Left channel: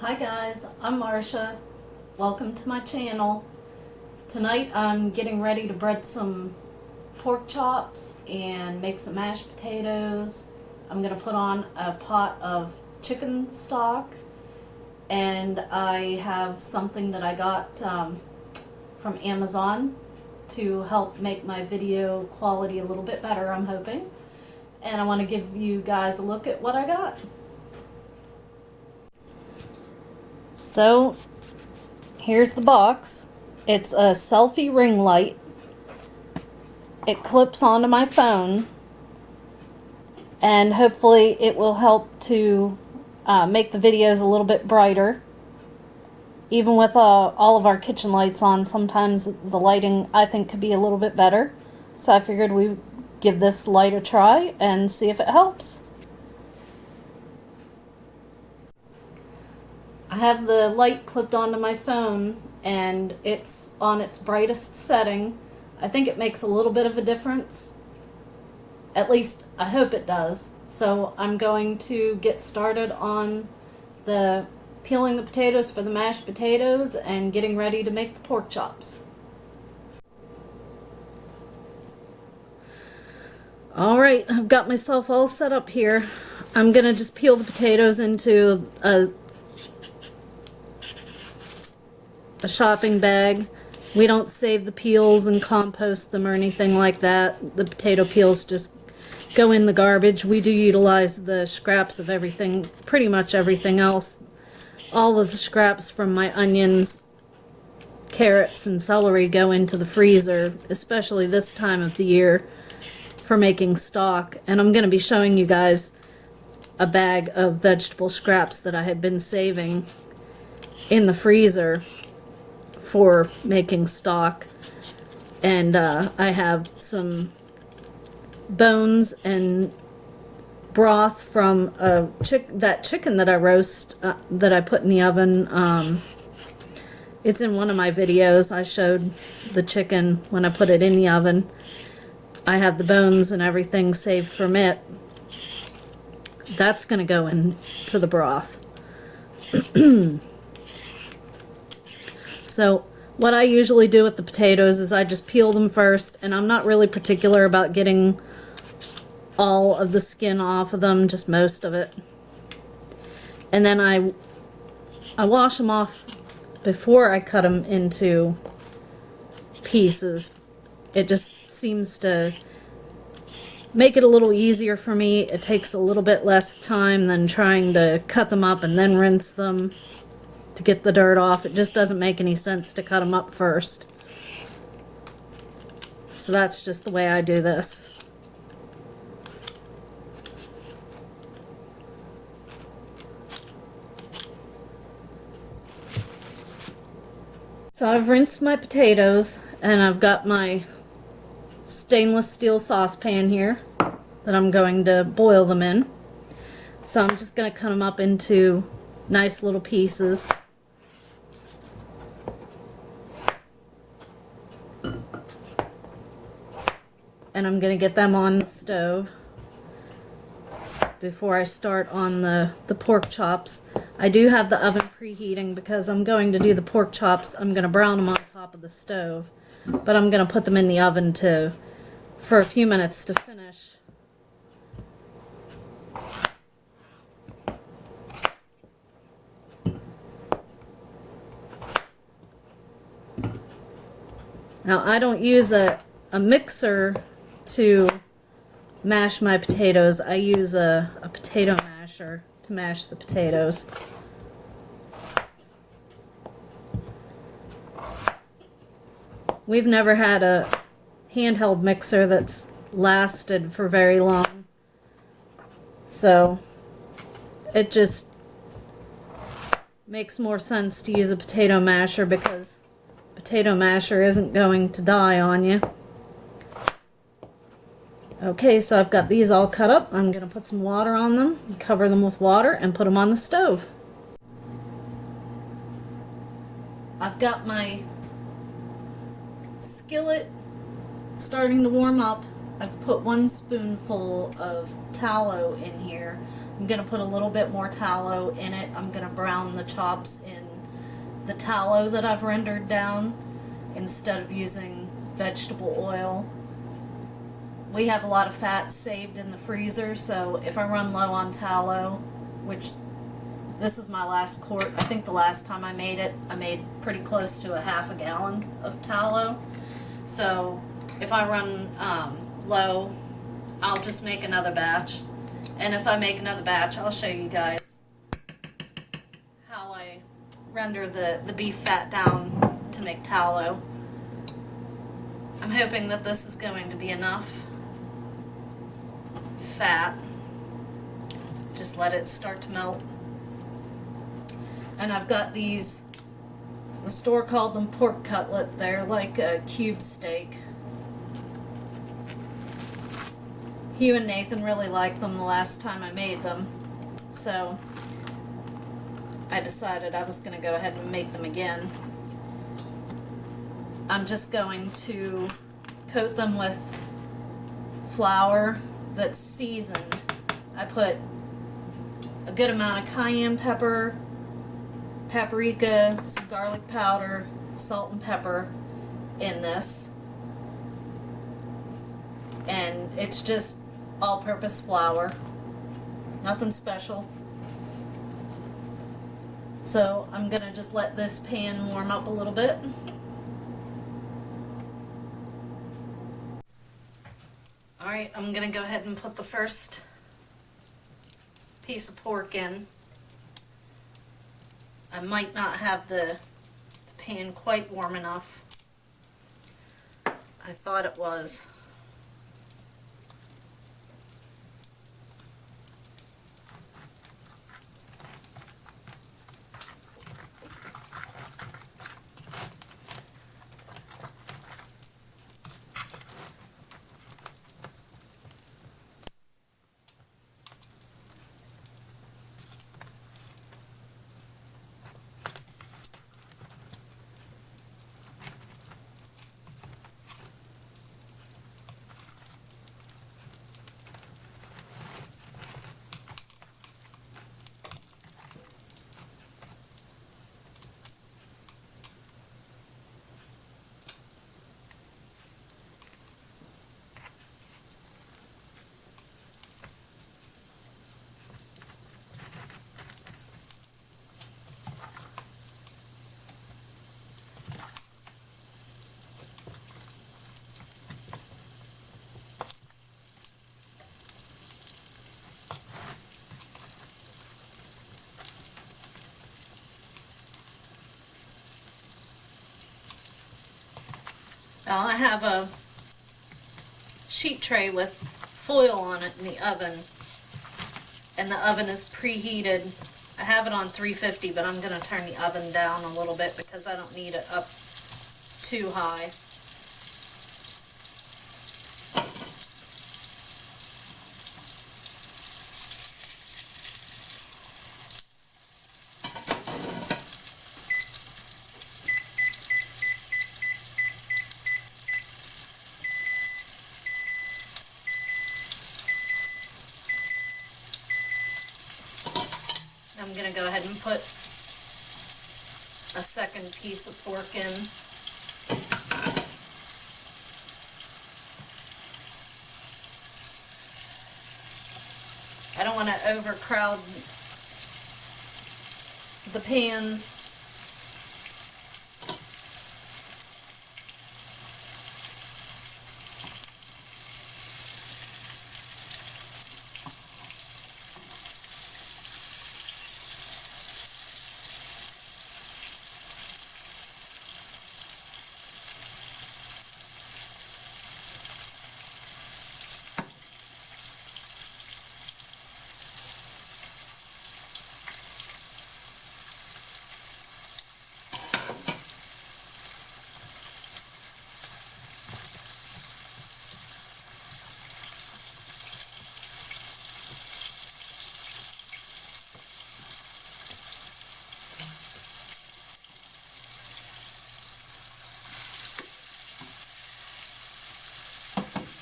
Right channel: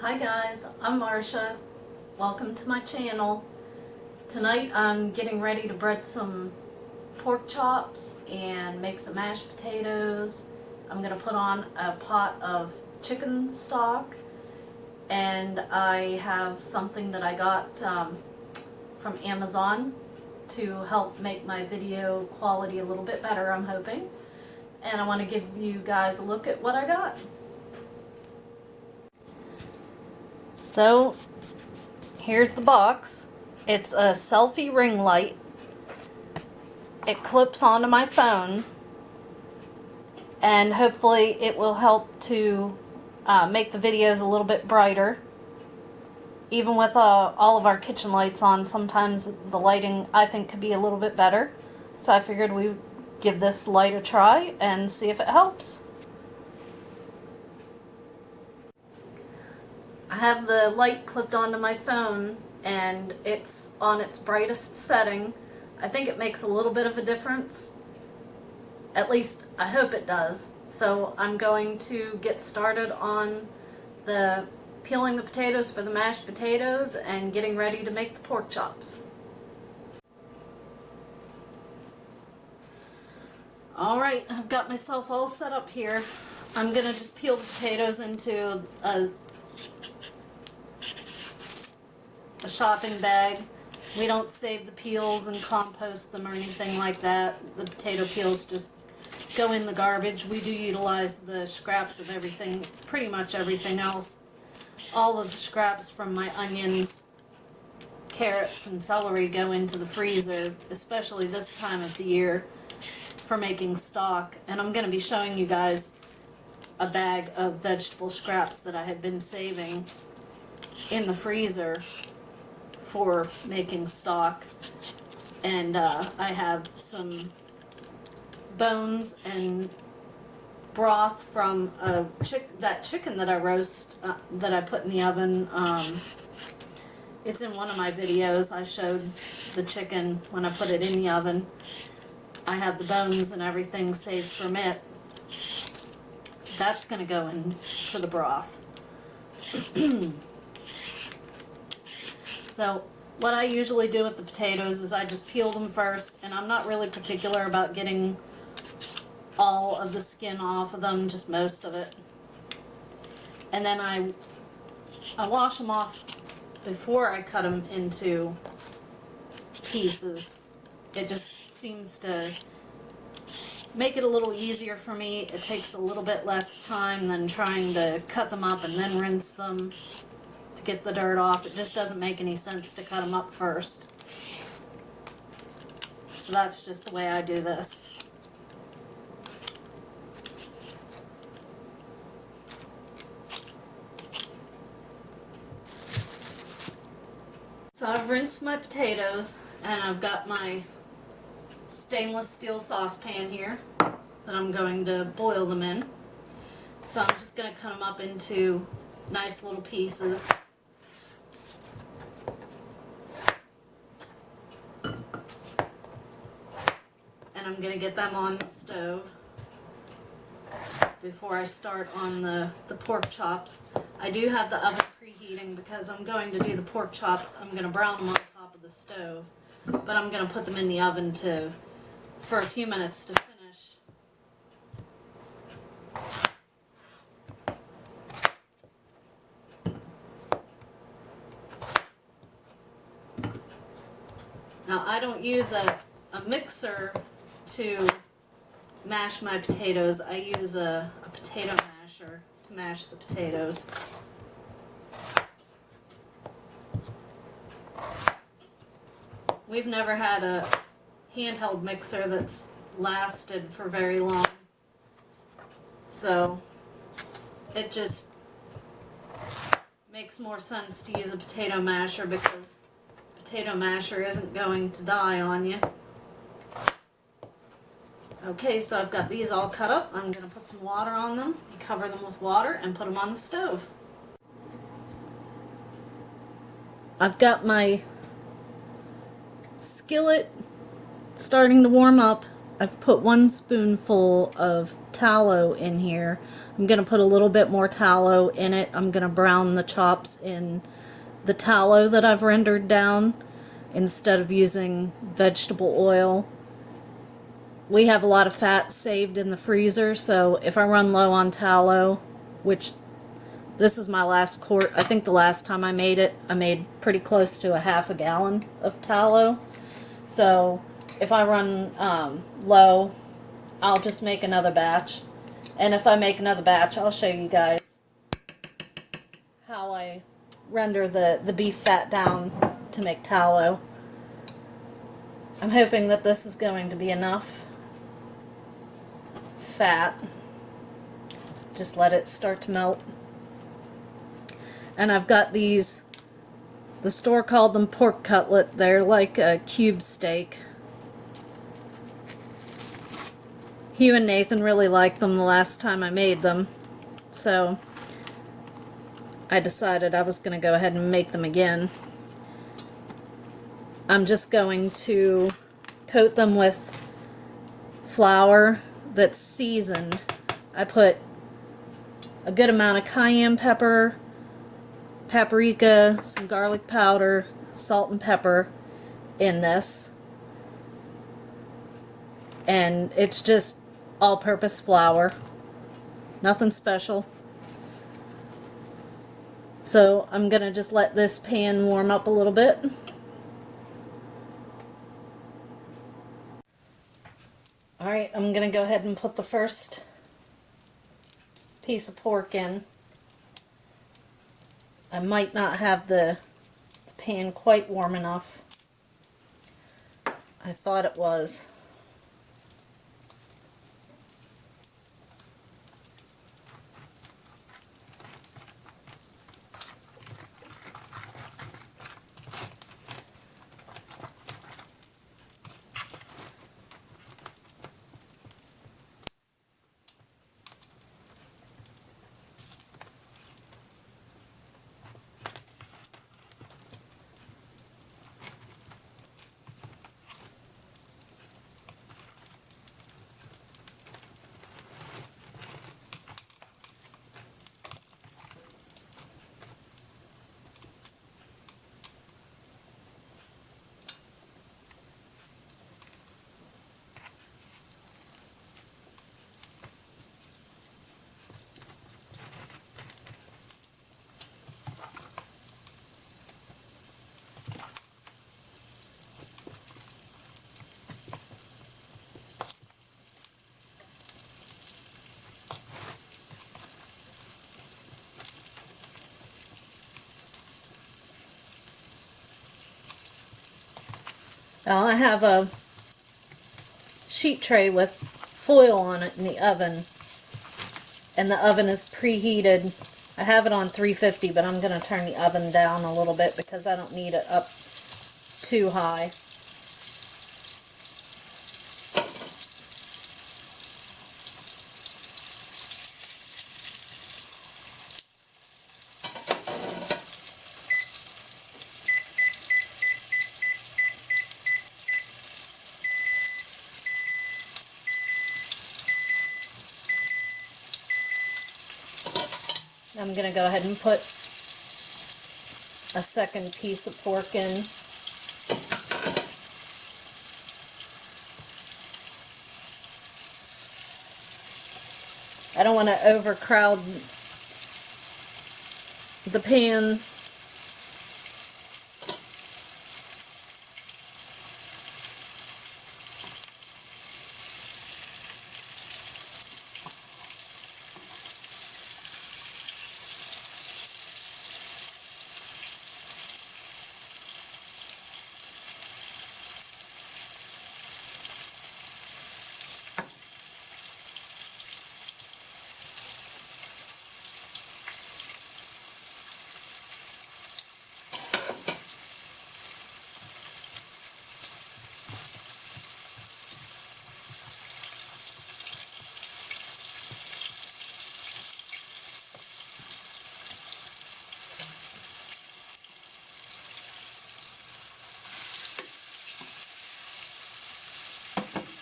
Hi guys, I'm Marcia. Welcome to my channel. Tonight I'm getting ready to bread some pork chops and make some mashed potatoes. I'm going to put on a pot of chicken stock, and I have something that I got from Amazon to help make my video quality a little bit better, I'm hoping. And I want to give you guys a look at what I got. So here's the box. It's a selfie ring light. It clips onto my phone, and hopefully it will help to make the videos a little bit brighter. Even with all of our kitchen lights on, sometimes the lighting I think could be a little bit better. So I figured we'd give this light a try and see if it helps. I have the light clipped onto my phone and it's on its brightest setting. I think it makes a little bit of a difference. At least I hope it does. So I'm going to get started on the peeling the potatoes for the mashed potatoes and getting ready to make the pork chops. Alright, I've got myself all set up here. I'm gonna just peel the potatoes into a shopping bag. We don't save the peels and compost them or anything like that. The potato peels just go in the garbage. We do utilize the scraps of everything, pretty much everything else. All of the scraps from my onions, carrots, and celery go into the freezer, especially this time of the year, for making stock. And I'm going to be showing you guys a bag of vegetable scraps that I had been saving in the freezer for making stock. And I have some bones and broth from that chicken that I roast, that I put in the oven. It's in one of my videos. I showed the chicken when I put it in the oven. I have the bones and everything saved from it. That's going to go into the broth. So what I usually do with the potatoes is I just peel them first, and I'm not really particular about getting all of the skin off of them, just most of it. And then I wash them off before I cut them into pieces. It just seems to make it a little easier for me. It takes a little bit less time than trying to cut them up and then rinse them to get the dirt off. It just doesn't make any sense to cut them up first. So that's just the way I do this. So I've rinsed my potatoes, and I've got my stainless steel saucepan here that I'm going to boil them in. So I'm just going to cut them up into nice little pieces. And I'm going to get them on the stove before I start on the pork chops. I do have the oven preheating because I'm going to do the pork chops. I'm going to brown them on top of the stove, but I'm going to put them in the oven for a few minutes to finish. Now I don't use a mixer to mash my potatoes. I use a potato masher to mash the potatoes. We've never had a handheld mixer that's lasted for very long, so it just makes more sense to use a potato masher because potato masher isn't going to die on you. Okay, so I've got these all cut up. I'm going to put some water on them, cover them with water, and put them on the stove. I've got my skillet starting to warm up. I've put 1 spoonful of tallow in here. I'm going to put a little bit more tallow in it. I'm going to brown the chops in the tallow that I've rendered down instead of using vegetable oil. We have a lot of fat saved in the freezer, so if I run low on tallow, which this is my last quart, I think the last time I made it, I made pretty close to a half a gallon of tallow. So if I run low, I'll just make another batch. And if I make another batch, I'll show you guys how I render the beef fat down to make tallow. I'm hoping that this is going to be enough fat. Just let it start to melt. And I've got these, the store called them pork cutlet. They're like a cube steak. Hugh and Nathan really liked them the last time I made them, so I decided I was going to go ahead and make them again. I'm just going to coat them with flour that's seasoned. I put a good amount of cayenne pepper, paprika, some garlic powder, salt and pepper in this. And it's just all-purpose flour, nothing special. So I'm gonna just let this pan warm up a little bit. Alright, I'm gonna go ahead and put the first piece of pork in. I might not have the pan quite warm enough. I thought it was. Now I have a sheet tray with foil on it in the oven, and the oven is preheated. I have it on 350, but I'm going to turn the oven down a little bit because I don't need it up too high. I'm going to go ahead and put a second piece of pork in. I don't want to overcrowd the pan.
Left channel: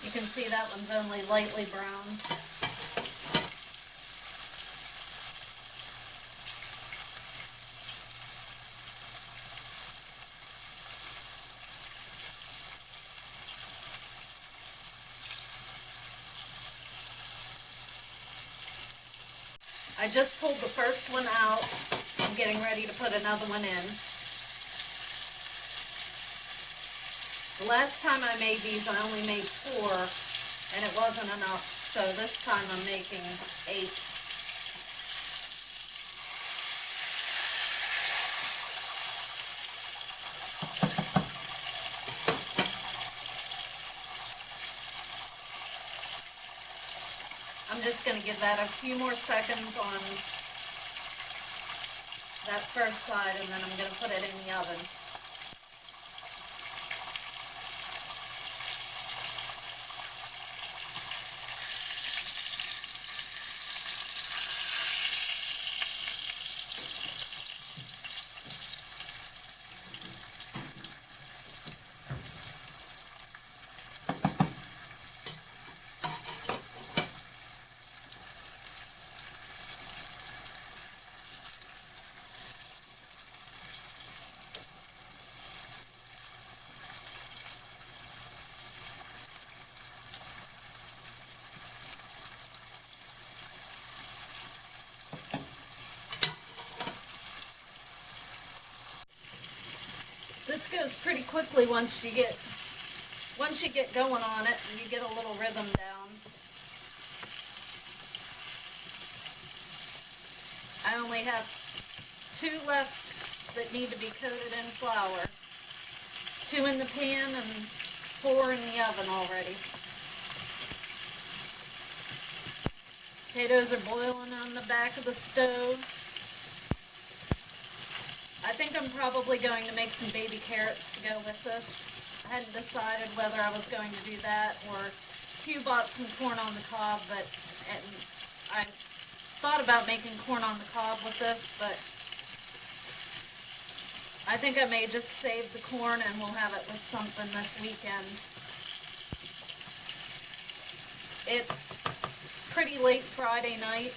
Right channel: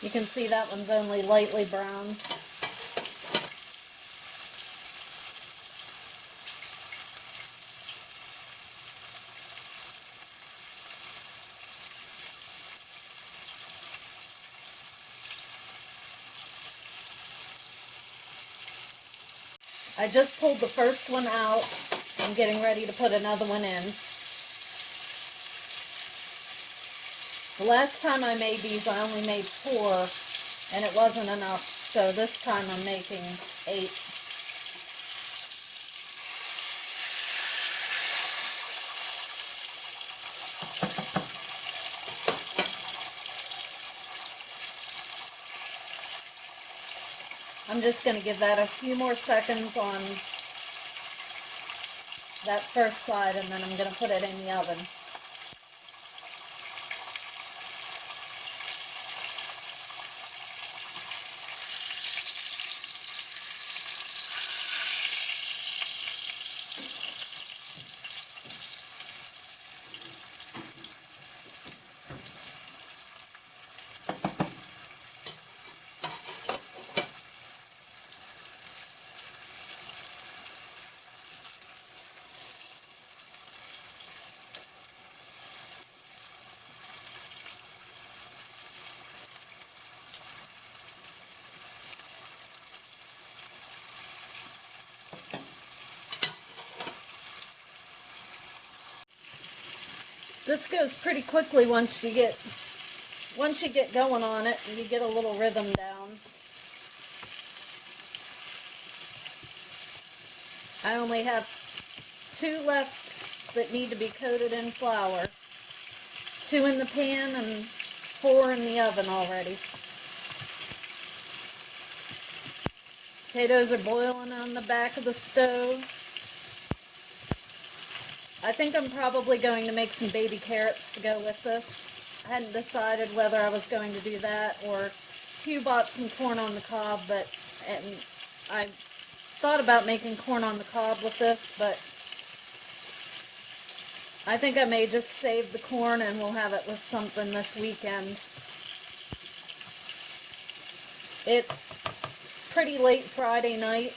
You can see that one's only lightly browned. I just pulled the first one out. I'm getting ready to put another one in. The last time I made these, I only made 4, and it wasn't enough. So this time I'm making 8. I'm just going to give that a few more seconds on that first side, and then I'm going to put it in the oven. This goes pretty quickly once you get going on it and you get a little rhythm down. I only have 2 left that need to be coated in flour. 2 in the pan and 4 in the oven already. Potatoes are boiling on the back of the stove. I think I'm probably going to make some baby carrots to go with this. I hadn't decided whether I was going to do that, or Hugh bought some corn on the cob, but I thought about making corn on the cob with this, but I think I may just save the corn and we'll have it with something this weekend. It's pretty late Friday night.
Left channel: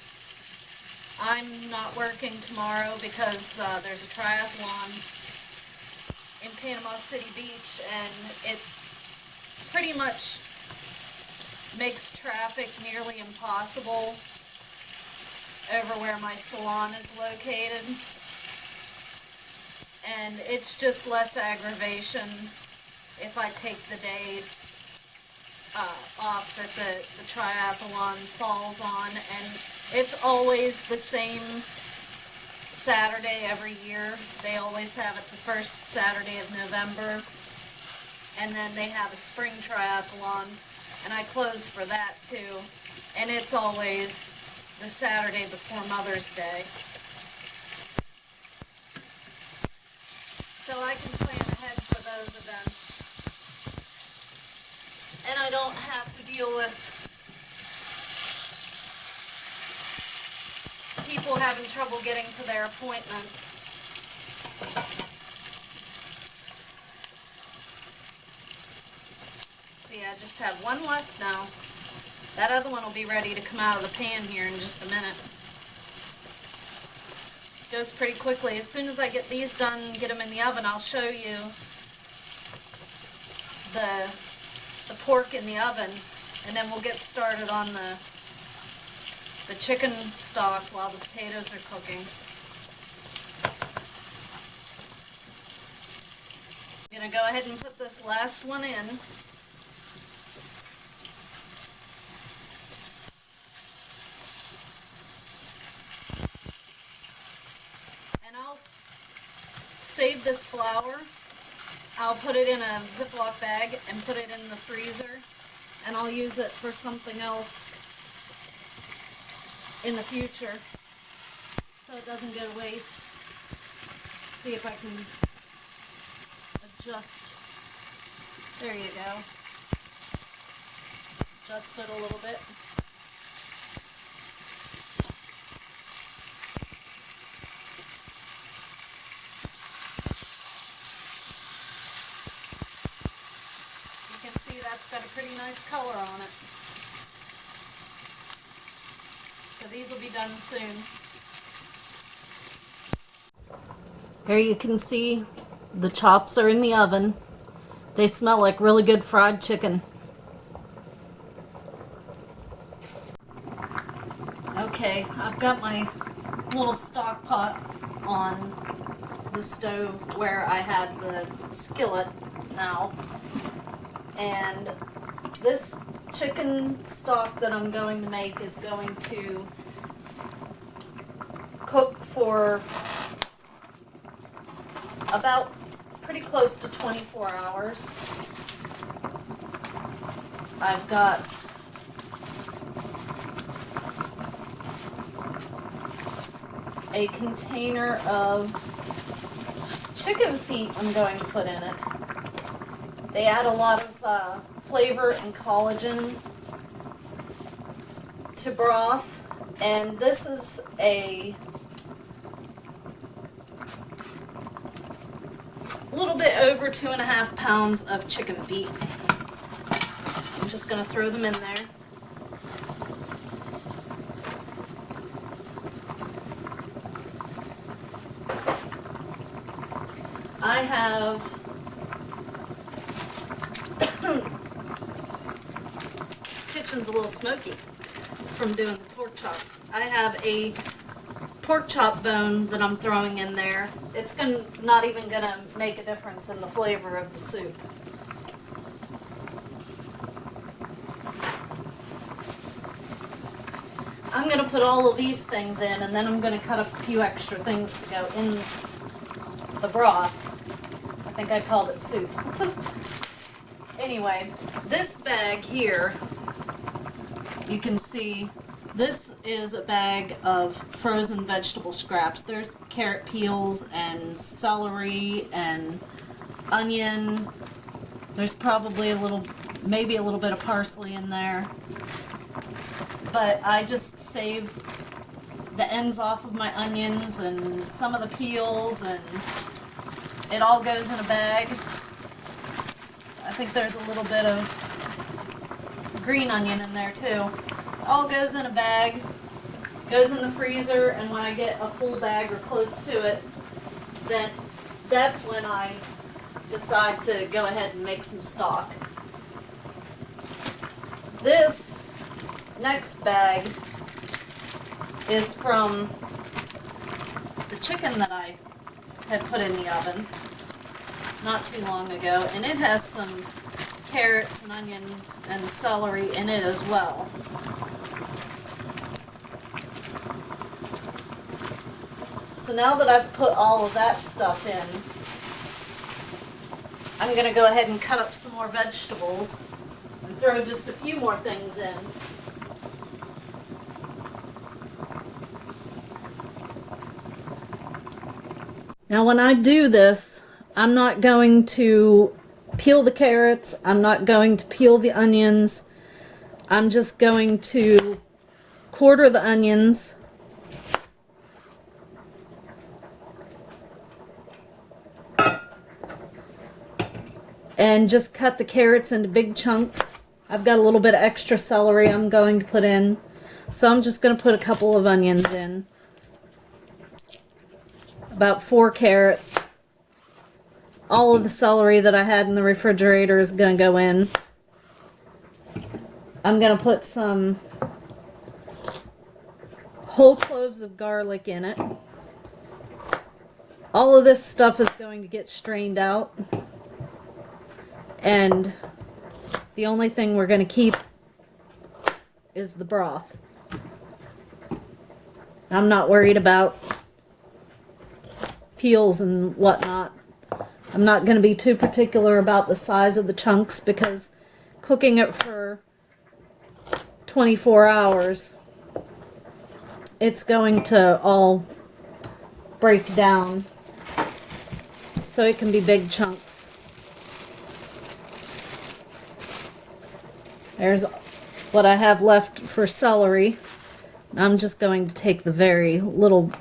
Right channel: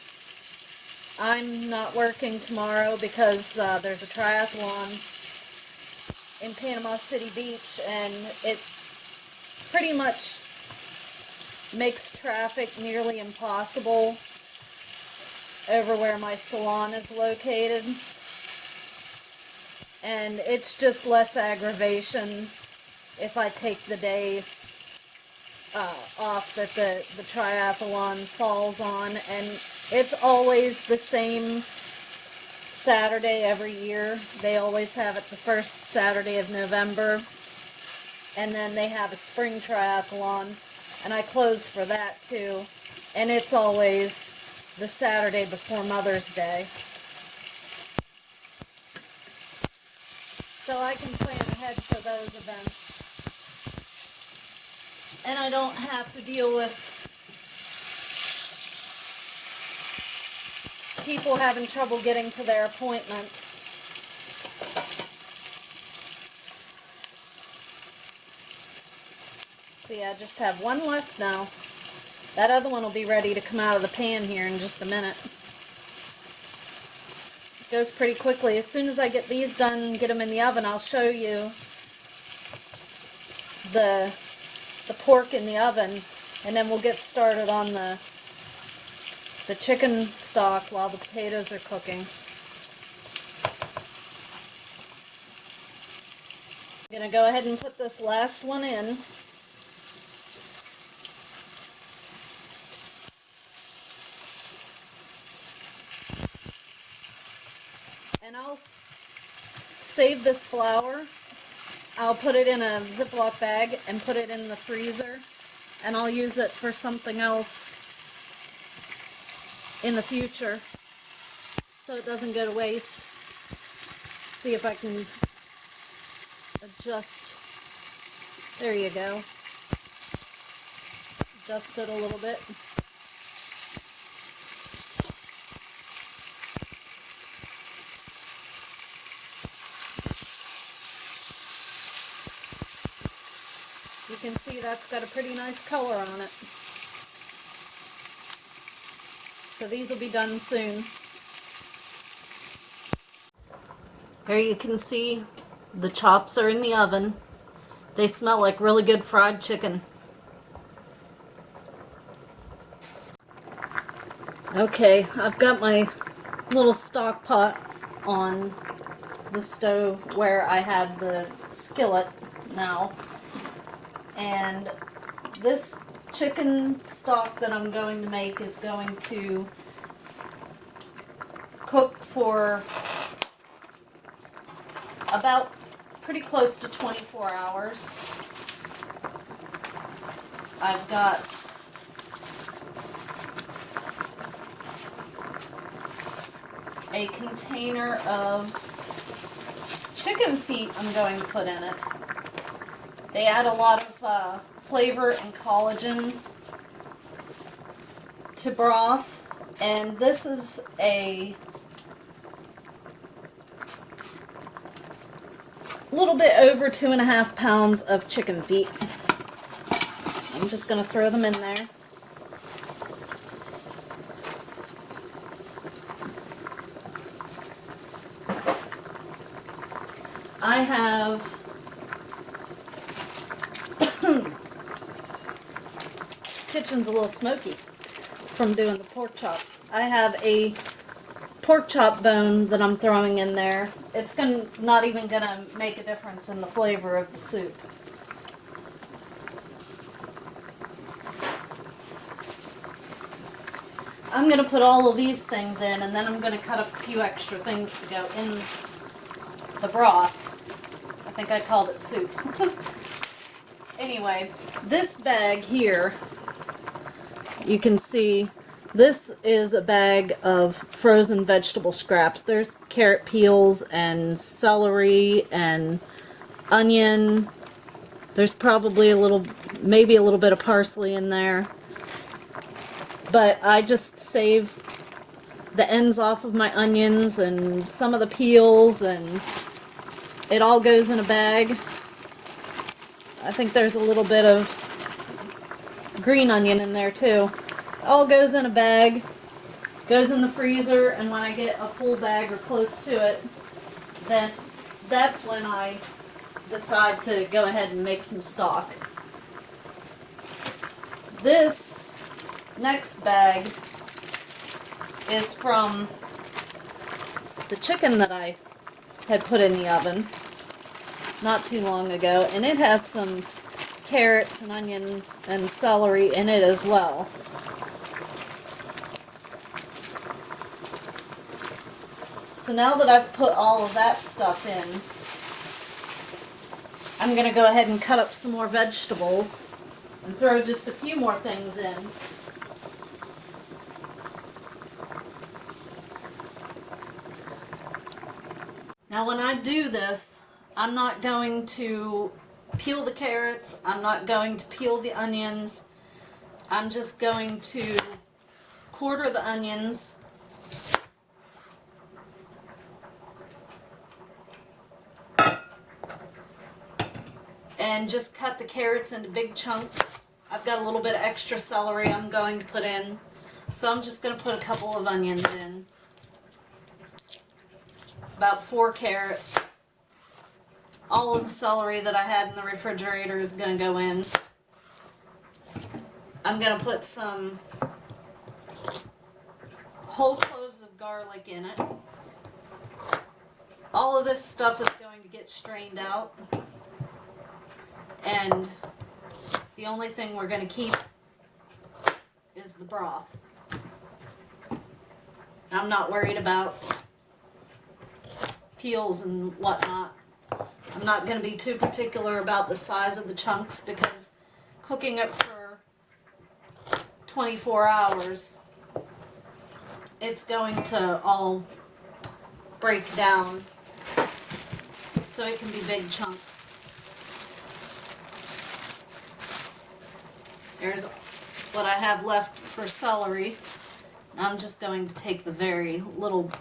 I'm not working tomorrow because there's a triathlon in Panama City Beach, and it pretty much makes traffic nearly impossible over where my salon is located. And it's just less aggravation if I take the day off that the triathlon falls on, and it's always the same Saturday every year. They always have it the first Saturday of November, and then they have a spring triathlon, and I close for that too, and it's always the Saturday before Mother's Day. So I can plan ahead for those events. And I don't have to deal with people having trouble getting to their appointments. See, I just have 1 left now. That other one will be ready to come out of the pan here in just a minute. It goes pretty quickly. As soon as I get these done and get them in the oven, I'll show you the pork in the oven, and then we'll get started on the chicken stock while the potatoes are cooking. I'm going to go ahead and put this last one in. And I'll save this flour. I'll put it in a Ziploc bag and put it in the freezer, and I'll use it for something else in the future so it doesn't go to waste. See if I can adjust. There you go. Adjust it a little bit. You can see that's got a pretty nice color on it. So these will be done soon. Here you can see the chops are in the oven. They smell like really good fried chicken. Okay, I've got my little stock pot on the stove where I have the skillet now. And this chicken stock that I'm going to make is going to cook for about pretty close to 24 hours. I've got a container of chicken feet I'm going to put in it. They add a lot of flavor and collagen to broth, and this is a little bit over 2.5 pounds of chicken feet. I'm just going to throw them in there. I have kitchen's a little smoky from doing the pork chops. I have a pork chop bone that I'm throwing in there. It's not even gonna make a difference in the flavor of the soup. I'm gonna put all of these things in, and then I'm gonna cut up a few extra things to go in the broth. I think I called it soup. Anyway, this bag here, you can see, this is a bag of frozen vegetable scraps. There's carrot peels and celery and onion. There's probably maybe a little bit of parsley in there. But I just save the ends off of my onions and some of the peels, and it all goes in a bag. I think there's a little bit of green onion in there too. All goes in a bag, goes in the freezer, and when I get a full bag or close to it, then that's when I decide to go ahead and make some stock. This next bag is from the chicken that I had put in the oven not too long ago, and it has some carrots and onions and celery in it as well. So now that I've put all of that stuff in, I'm going to go ahead and cut up some more vegetables and throw just a few more things in. Now when I do this, I'm not going to peel the carrots, I'm not going to peel the onions, I'm just going to quarter the onions, and just cut the carrots into big chunks. I've got a little bit of extra celery I'm going to put in, so I'm just going to put a couple of onions in. About 4 carrots. All of the celery that I had in the refrigerator is going to go in. I'm going to put some whole cloves of garlic in it. All of this stuff is going to get strained out. And the only thing we're going to keep is the broth. I'm not worried about peels and whatnot. I'm not going to be too particular about the size of the chunks because cooking it for 24 hours, it's going to all break down. So it can be big chunks. There's what I have left for celery. I'm just going to take the very little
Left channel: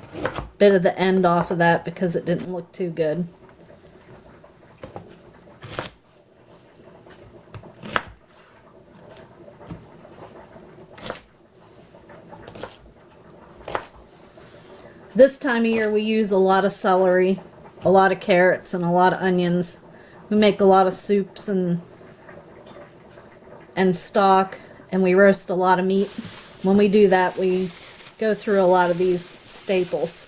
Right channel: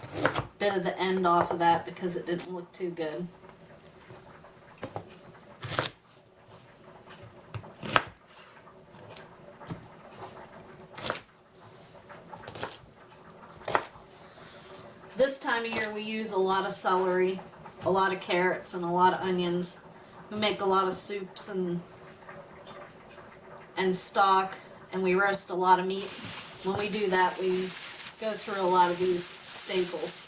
bit of the end off of that because it didn't look too good. This time of year we use a lot of celery, a lot of carrots, and a lot of onions. We make a lot of soups and stock, and we roast a lot of meat. When we do that, we go through a lot of these staples.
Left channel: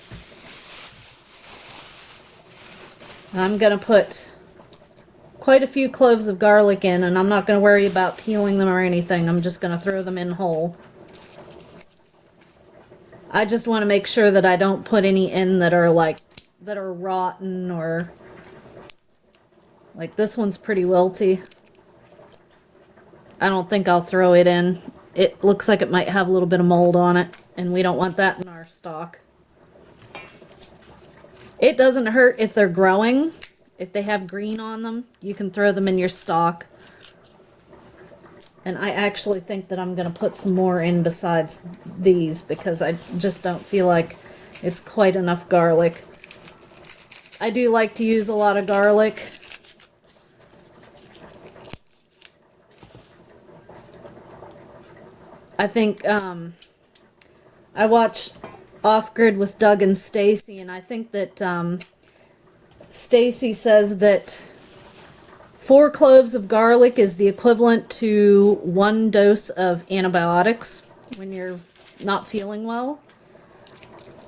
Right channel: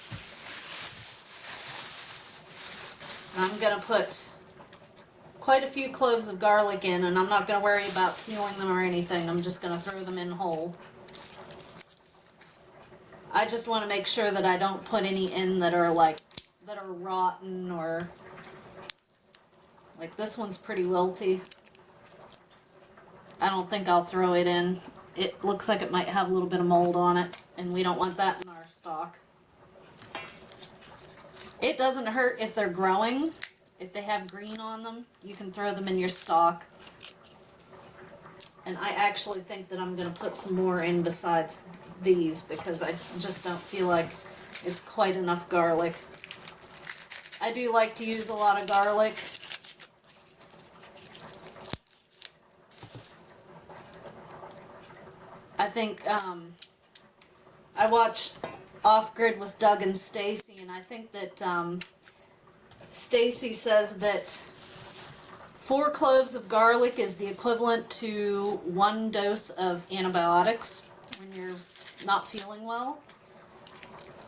I'm going to put quite a few cloves of garlic in, and I'm not going to worry about peeling them or anything. I'm just going to throw them in whole. I just want to make sure that I don't put any in that are rotten, or like this one's pretty wilty. I don't think I'll throw it in. It looks like it might have a little bit of mold on it, and we don't want that in our stock. It doesn't hurt if they're growing. If they have green on them, you can throw them in your stock. And I actually think that I'm going to put some more in besides these, because I just don't feel like it's quite enough garlic. I do like to use a lot of garlic. I think I watch Off Grid with Doug and Stacy, and I think that Stacy says that 4 cloves of garlic is the equivalent to 1 dose of antibiotics when you're not feeling well.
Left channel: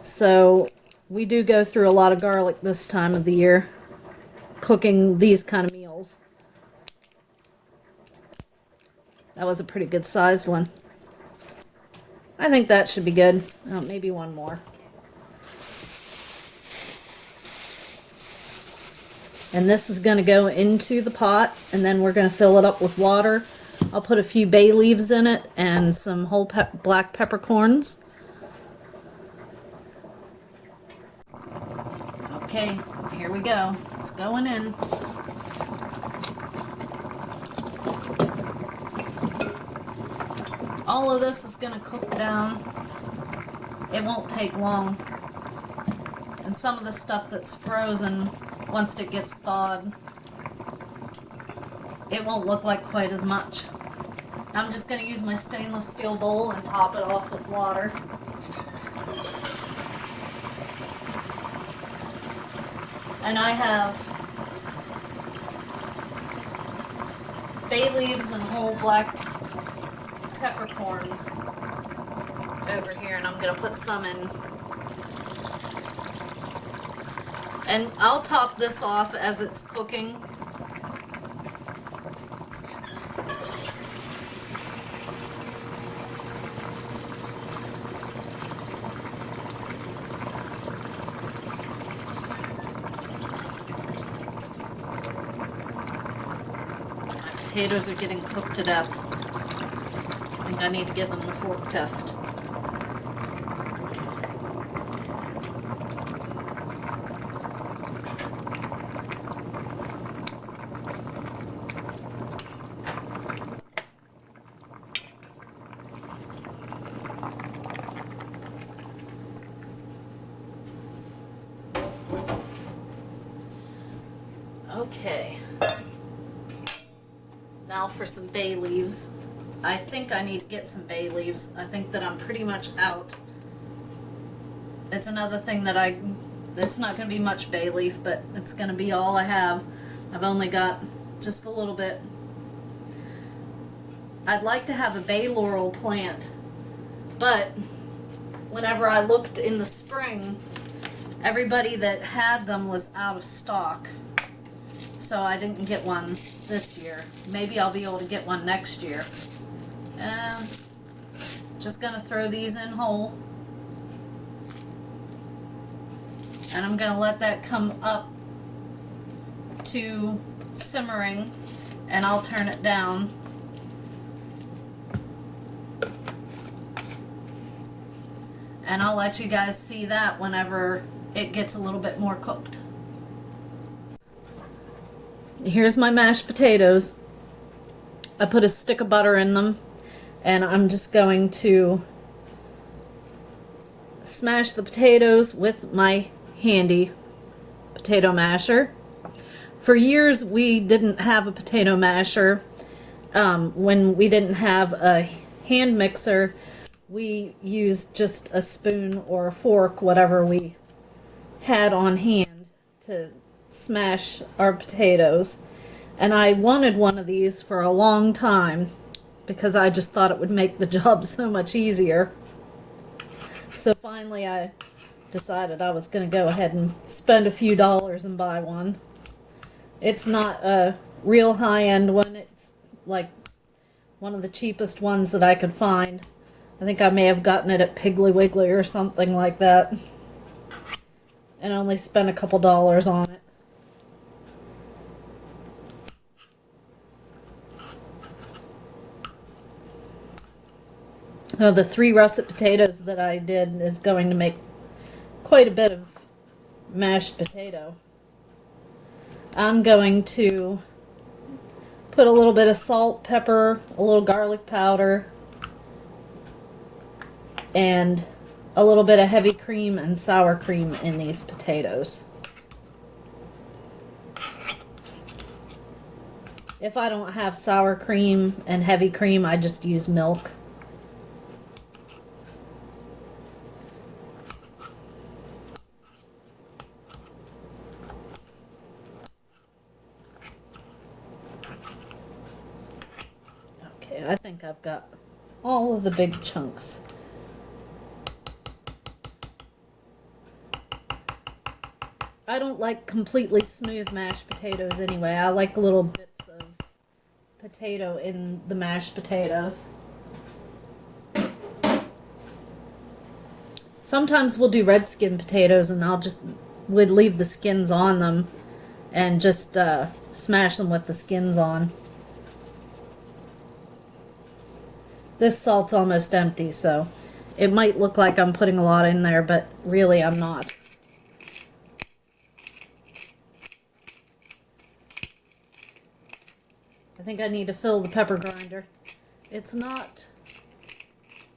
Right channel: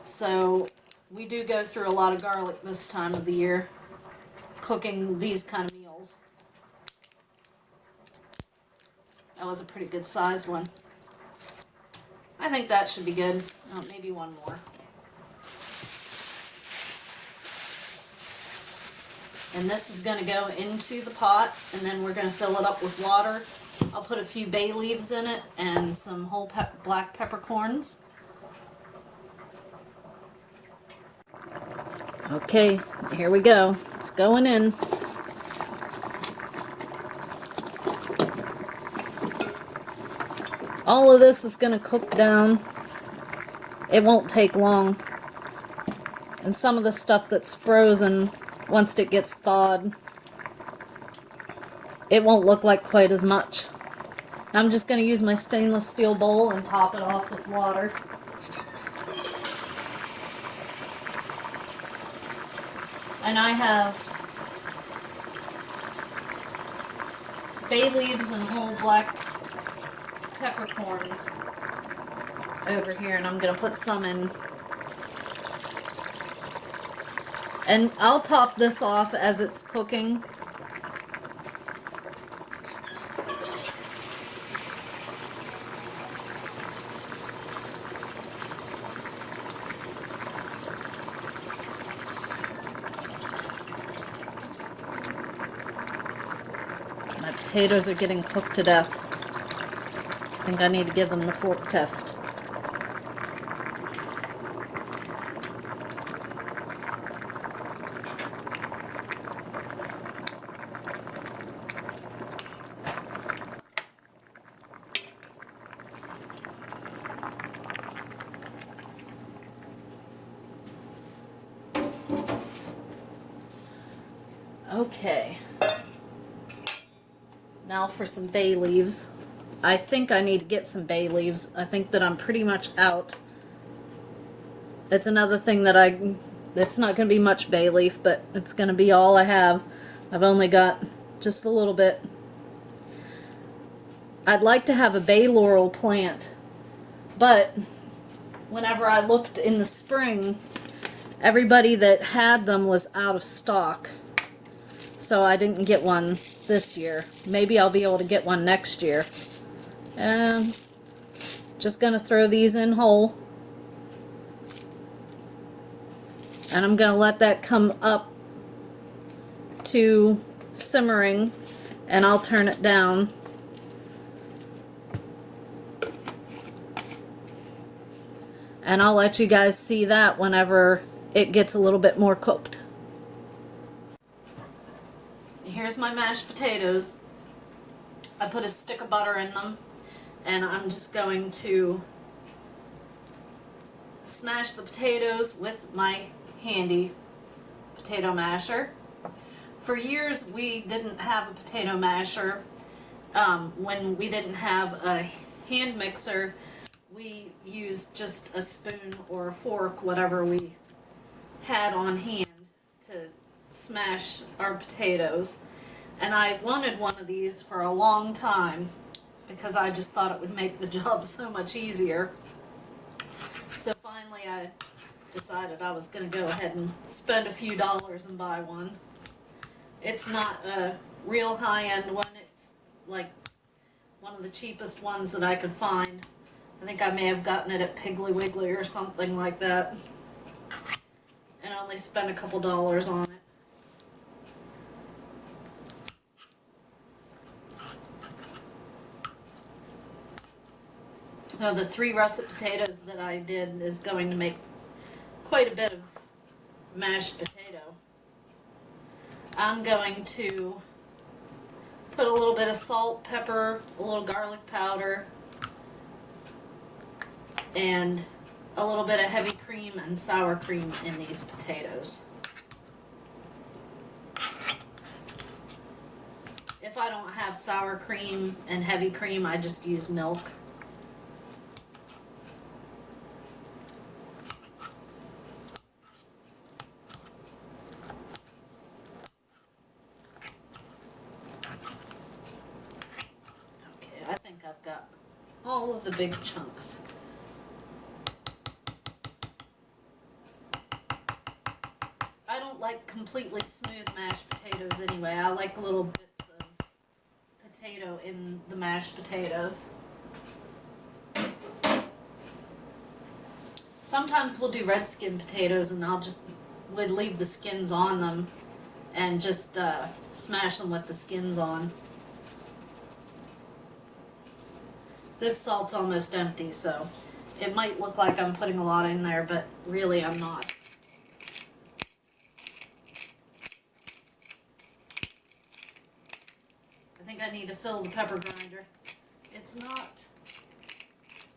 So we do go through a lot of garlic this time of the year, cooking these kind of meals. That was a pretty good sized one. I think that should be good. Oh, maybe one more. And this is going to go into the pot, and then we're going to fill it up with water. I'll put a few bay leaves in it and some whole black peppercorns. Okay, here we go. It's going in. All of this is going to cook down. It won't take long. And some of the stuff that's frozen, once it gets thawed, it won't look like quite as much. I'm just going to use my stainless steel bowl and top it off with water. And I have bay leaves and whole black peppercorns over here, and I'm going to put some in. And I'll top this off as it's cooking. My potatoes are getting cooked to death. I think I need to give them the fork test. Okay. Now for some bay leaves. I think I need to get some bay leaves. I think that I'm pretty much out. It's another thing that it's not going to be much bay leaf, but it's going to be all I have. I've only got just a little bit. I'd like to have a bay laurel plant, but whenever I looked in the spring, everybody that had them was out of stock. So I didn't get one this year. Maybe I'll be able to get one next year. And just gonna throw these in whole. And I'm gonna let that come up to simmering, and I'll turn it down. And I'll let you guys see that whenever it gets a little bit more cooked. Here's my mashed potatoes. I put a stick of butter in them, and I'm just going to smash the potatoes with my handy potato masher. For years we didn't have a potato masher. When we didn't have a hand mixer, we used just a spoon or a fork, whatever we had on hand, to smash our potatoes. And I wanted one of these for a long time because I just thought it would make the job so much easier. finally I decided I was going to go ahead and spend a few dollars and buy one. It's not a real high-end one. It's like one of the cheapest ones that I could find. I think I may have gotten it at Piggly Wiggly or something like that. And only spent a couple dollars on it. Now, the 3 russet potatoes that I did is going to make quite a bit of mashed potato. I'm going to put a little bit of salt, pepper, a little garlic powder, and a little bit of heavy cream and sour cream in these potatoes. If I don't have sour cream and heavy cream, I just use milk. I think I've got all of the big chunks. I don't like completely smooth mashed potatoes anyway. I like little bits of potato in the mashed potatoes. Sometimes we'll do red skin potatoes and would leave the skins on them and just smash them with the skins on. This salt's almost empty, so it might look like I'm putting a lot in there, but really I'm not. I think I need to fill the pepper grinder. It's not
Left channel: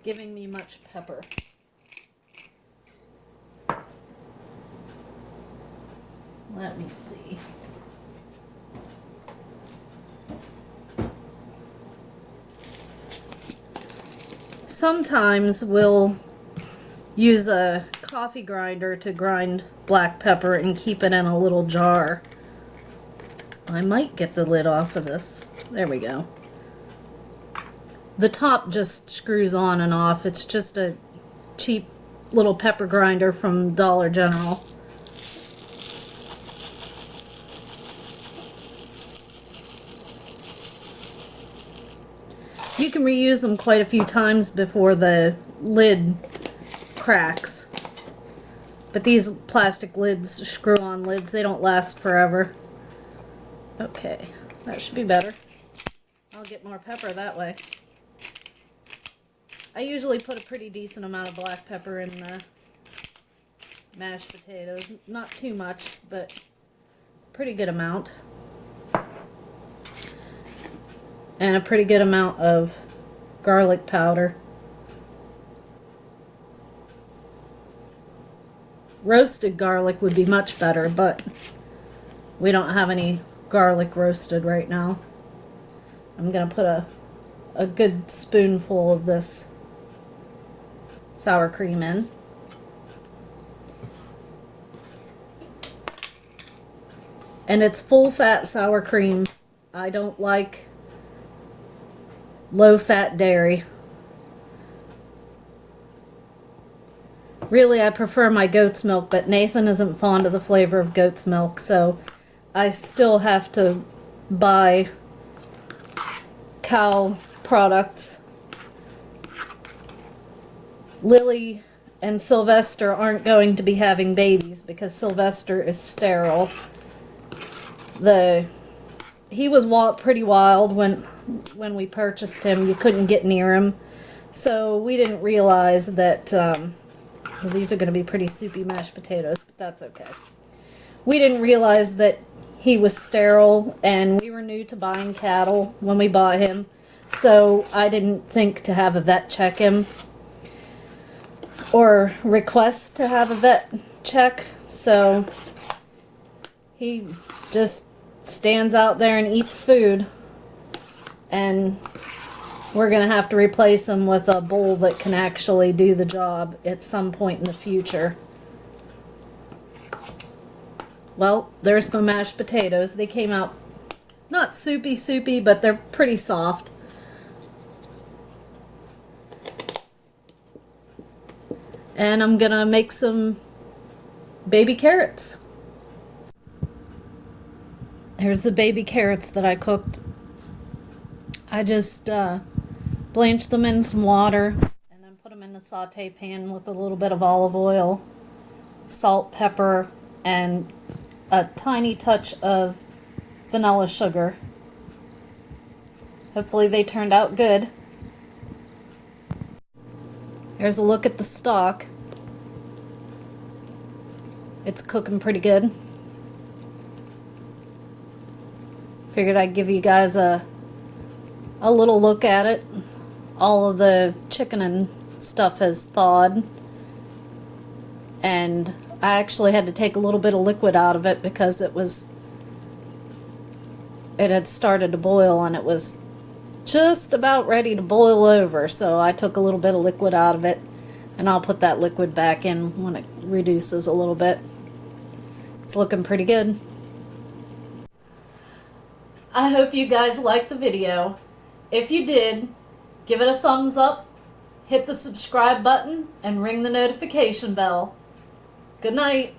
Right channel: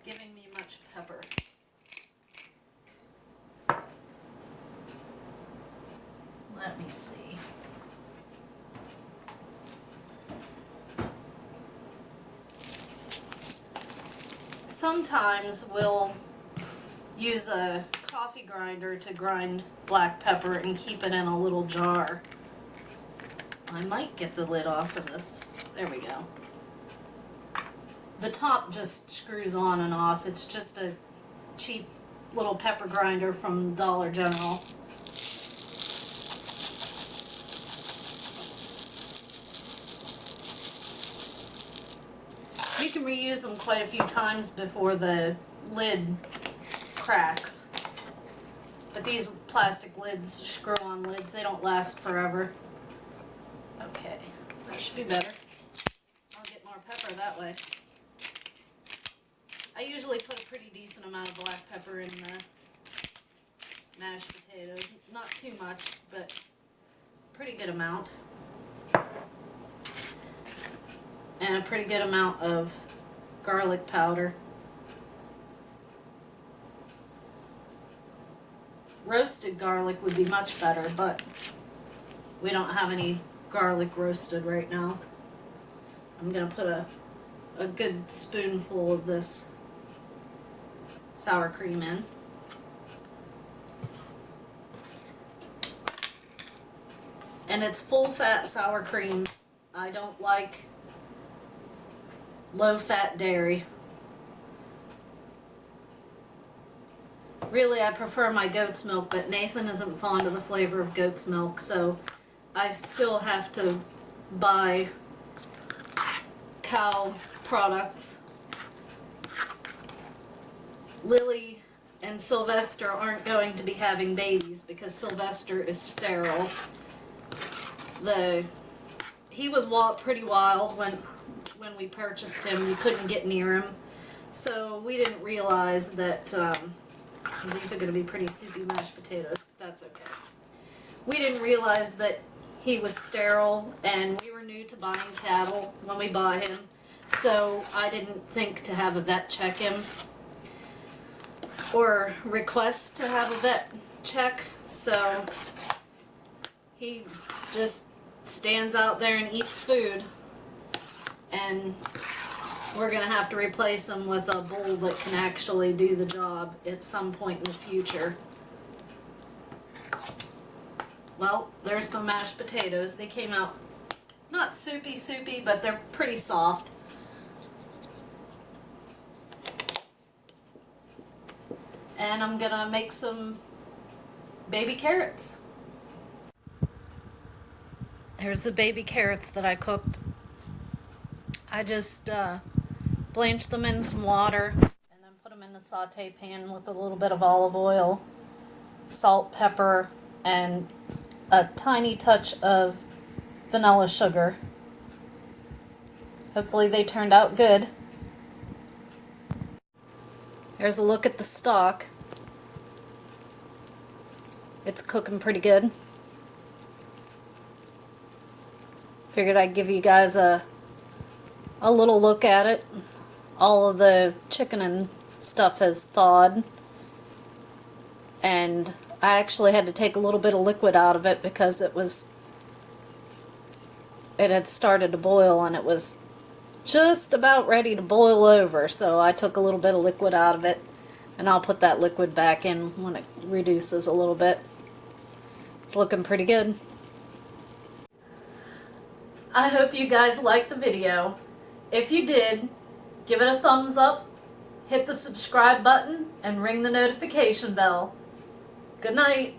giving me much pepper. Let me see. Sometimes we'll use a coffee grinder to grind black pepper and keep it in a little jar. I might get the lid off of this. There we go. The top just screws on and off. It's just a cheap little pepper grinder from Dollar General. You can reuse them quite a few times before the lid cracks. But these plastic lids, screw-on lids, they don't last forever. Okay, that should be better. I'll get more pepper that way. I usually put a pretty decent amount of black pepper in the mashed potatoes. Not too much, but pretty good amount. And a pretty good amount of garlic powder. Roasted garlic would be much better, but we don't have any garlic roasted right now. I'm going to put a good spoonful of this sour cream in. And it's full fat sour cream. I don't like low-fat dairy. Really, I prefer my goat's milk, but Nathan isn't fond of the flavor of goat's milk, so I still have to buy cow products. Lily and Sylvester aren't going to be having babies because Sylvester is sterile. He was pretty wild when we purchased him. You couldn't get near him. So we didn't realize that, these are going to be pretty soupy mashed potatoes, but that's okay. We didn't realize that he was sterile, and we were new to buying cattle when we bought him. So I didn't think to have a vet check him or request to have a vet check. So he just stands out there and eats food. And we're going to have to replace him with a bull that can actually do the job at some point in the future. Well, there's my mashed potatoes. They came out not soupy, but they're pretty soft. And I'm gonna make some baby carrots. Here's the baby carrots that I cooked. I just blanched them in some water and then put them in the saute pan with a little bit of olive oil, salt, pepper, and a tiny touch of vanilla sugar. Hopefully they turned out good. Here's a look at the stock. It's cooking pretty good. Figured I'd give you guys a little look at it. All of the chicken and stuff has thawed. And I actually had to take a little bit of liquid out of it because it had started to boil and it was just about ready to boil over. So I took a little bit of liquid out of it, and I'll put that liquid back in when it reduces a little bit. It's looking pretty good. I hope you guys liked the video. If you did, give it a thumbs up, hit the subscribe button, and ring the notification bell. Good night.